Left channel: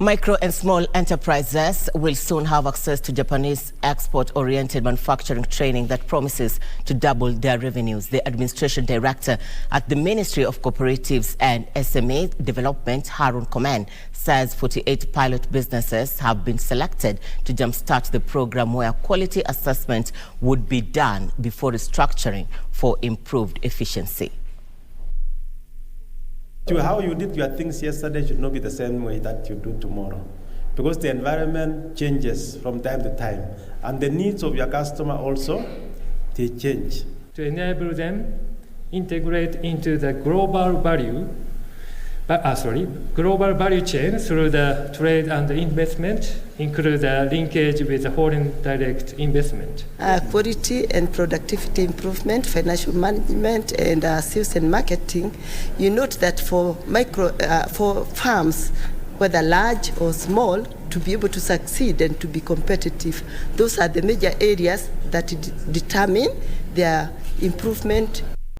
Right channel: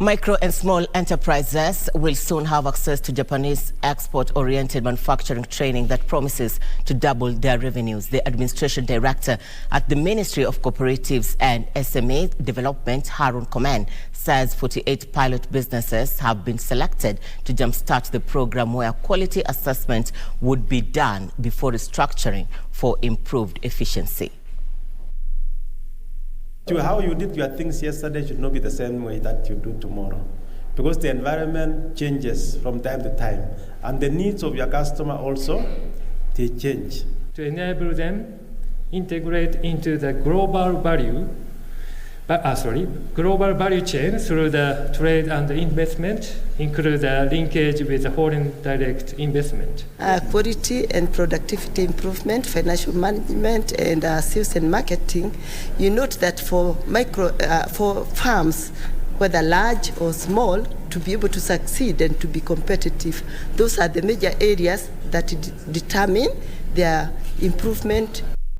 Micro and small enterprises will soon have access to Japanese export-oriented manufacturing training that promises to double their revenues. The administration director at the Ministry of Cooperatives and SME Development, Haron Komen, says 48 pilot businesses have been selected to jumpstart the program where quality assessment would be done before restructuring for improved efficiency. How you did your things yesterday should not be the same way that you do tomorrow, because the environment changes from time to time, and the needs of your customer also, they change. To enable them integrate into the global value chain through the trade and investment, include the linkage with the foreign direct investment. Quality and productivity improvement, financial management, and sales and marketing. You note that for farms, whether large or small, to be able to succeed and to be competitive, those are the major areas that determine their improvement